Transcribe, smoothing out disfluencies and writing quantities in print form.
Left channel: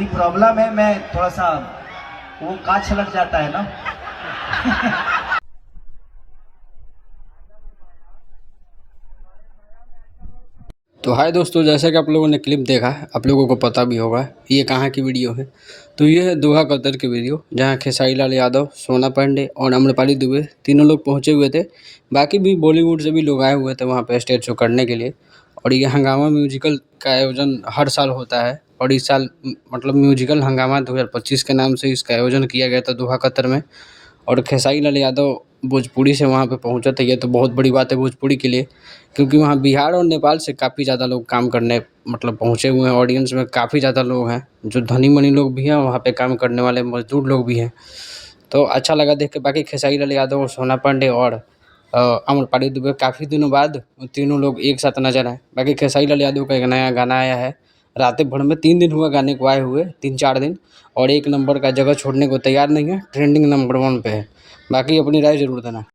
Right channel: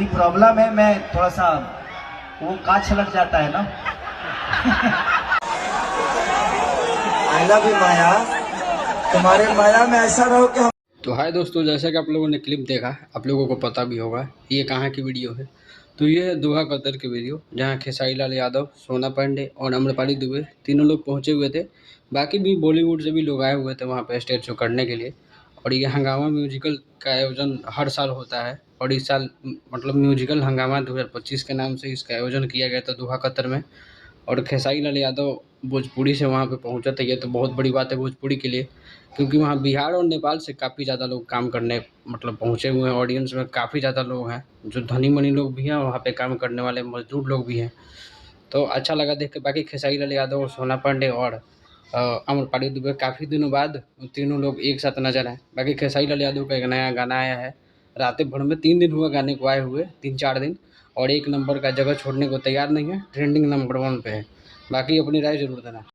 मेरी प्रॉब्लम है, मैं थोड़ा सा वो कांच छलक जाता है ना। आई लव यू माया, तुम्हारे माया में ऐसा रहो कि तो हाय दोस्तों, जैसा कि आप लोगों ने क्लिप देखा, आप लोगों को पता भी होगा ये कहाँ की वीडियो है। तो ये है दोहा कतर की वीडियो, जहाँ खेसारी लाल यादव, सोना पांडे और आम्रपाली दुबे तीनों लोग पहुँचे हुए थे। बाकी भी बॉलीवुड से भी लोग आए हुए थे वहाँ पे स्टेज शो करने के लिए। और ये हंगामा म्यूजिकल का आयोजन हर साल होता है, और इस साल मतलब म्यूजिकल हंगामा 2025 के नाम से इसका आयोजन किया गया था दोहा कतर में। और खेसारी लाल यादव भोजपुरी से वहाँ पे पहुँचा था। ये तो बहुत बड़ी बात है भोजपुरी के लिए, क्योंकि वहाँ बिहार और नेपाल से काफ़ी ज़्यादा लोग काम करने मतलब पहुँचे हुए हैं। ऑडियंस में काफ़ी ज़्यादा लोग हैं, जो धनी मनी लोग भी हैं, वहाँ पे काम करने वाले मजदूर लोग भी हैं। तो अच्छा लगा देख के। बाकी खेसारी लाल यादव और सोना पांडे और आम्रपाली दुबे काफ़ी दिनों बाद तीनों लोग एक साथ नजर आए। बाकी खेसारी लाल यादव का एक नया गाना आया है, रातें भर में 3 दिन हुआ गाने को आए हुए, 3-4 दिन, और 1 नंबर का जगह छोड़ने को तैयार नहीं है, ट्रेंडिंग नंबर 1 पे है। बाकी अपनी राय ज़रूर देना।